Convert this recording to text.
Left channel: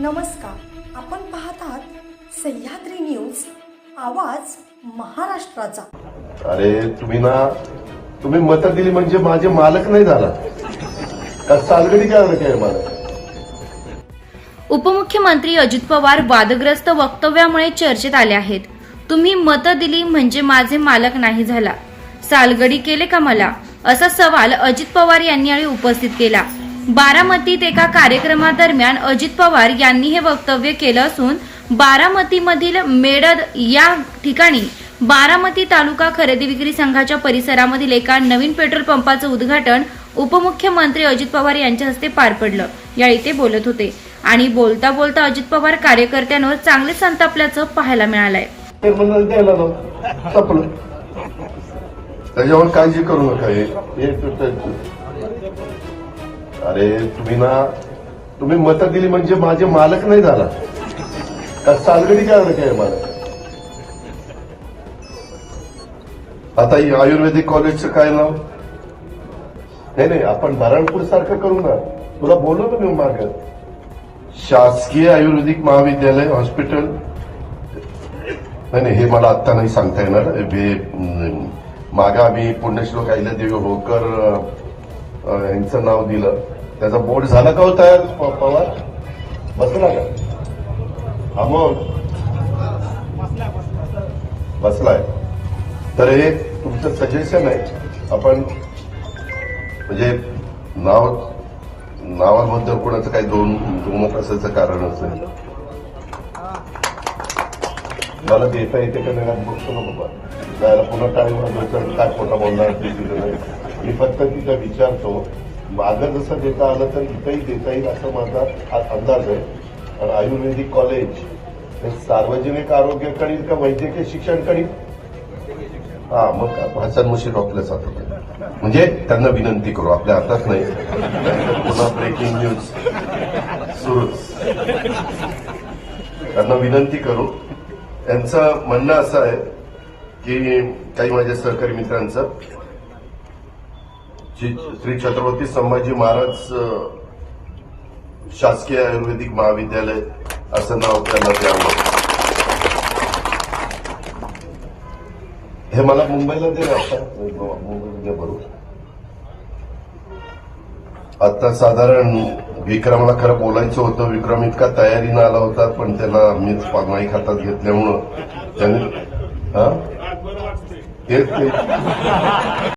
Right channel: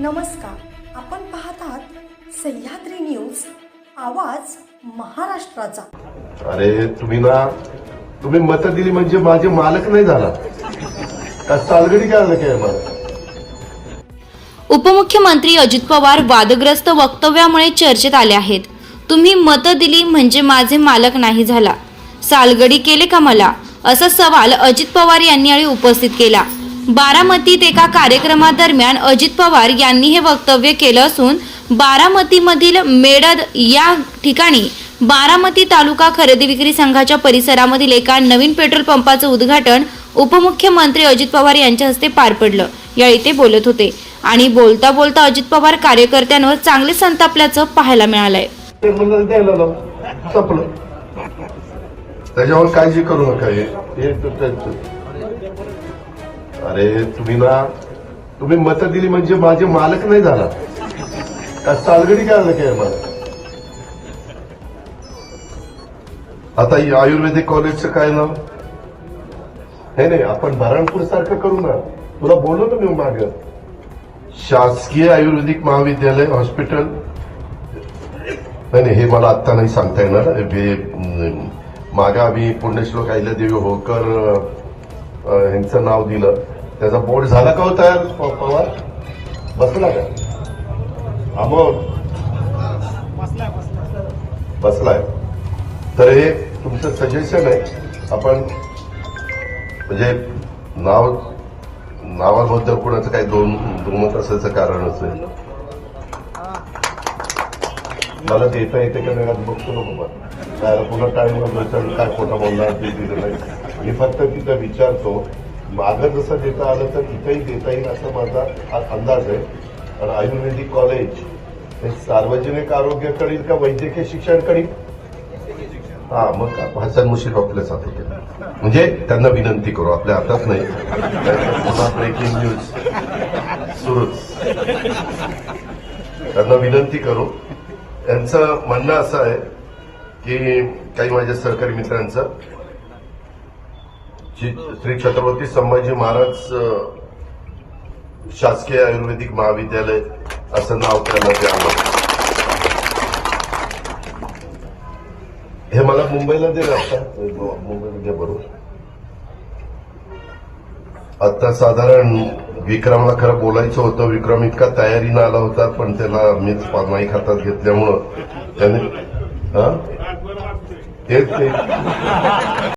नमस्कार, आपण पाहत आहात सह्याद्री न्यूज, आवाज महाराष्ट्राचा। अरे तुम्ही मतं दिली म्हणजे माझे मालक नाही झाला का? सालगडी काय मला? उपमुख्यमंत्री अजित पवार वादग्रस्त वक्तव्यामुळे चर्चेत आले आहेत। तुम्ही मतं दिली म्हणजे माझे मालक नाही झाला, सालगडी केले का मला, असा सवाल अजित पवार यांनी यावेळी उपस्थित केला। बारामतीत एका कार्यक्रमादरम्यान अजित पवार यांनी हे वक्तव्य केलं असून बारामतीमधील मेडद या ठिकाणी बारामती तालुका खरेदी विक्री संघाच्या परिसरामधील एका नवीन पेट्रोल पंपाचं उद्घाटन उपमुख्यमंत्री अजित पवार यांच्या हस्ते पार पडलं। यावेळी ते बोलत होते आणि बोलता बोलता अजित पवार कार्यकर्त्यांवर चांगले संतापल्याचं पाहायला मिळालंय। त्याच्यावर काळजी करू नका। अरे तुम्ही मतं दिली म्हणजे माझे मालक नाही झाला का? सालगडी काय मला? आता आयुर्वेदिक कॉलेजचं काय नाव? नाही, आपण नारायणपूर सारखं करू ना। तुला बोललो ना मी माग, शासकीय आयुर्वेदिक महाविद्यालय हॉस्पिटल। नाही, हे मला आत्ता नाही सांगता येणार। मागे आम्ही पुण्यश्लोक अहिल्यादेवी होळकर यांचं नाव दिलं, त्याचा बोर्ड झाला का होता? बसला का? मग बसलाय तर हे तुमचं सजेशन आहे। आपण म्हणजे नावाबद्दल कोणाचं काही दुमत असायचं कारणच नाही। मला देता येते का नाही बघतो पुन्हा काय खोटा बोलणार नाही। मी फक्त तिथं विचारतो, मागं जसं देता आलं तर इथंही देता येईल असं माझा अंदाज आहे। पण आयुर्वेदिक कॉलेज हे सार्वजनिक आरोग्य करील का वैद्यकीय शिक्षण करील? मग हसन मुश्रीफ आपल्यासाठी म्हणजे त्यांना विनंती करू, आपल्या हातात नाही। ब्रेकिंग न्यूज सुरू, त्यांना विनंती करू। त्यांचं म्हणणं असं आहे की काही माझ्या सहकारी मित्रांचं श्री छत्रपती संभाजी महाराज शासकीय आयुर्वेदिक महाविद्यालय असं नाव त्यांना द्यावं। हे मला मुंबईला दे वाटतं, मुंबईमध्ये बरोबर। आता साधारण विक्रमला खरं बोलायचं होतं, विक्रम इतका तयारीनं आला होता, पण त्याला मीच माईक हातात घेतल्यामुळं त्याने तेच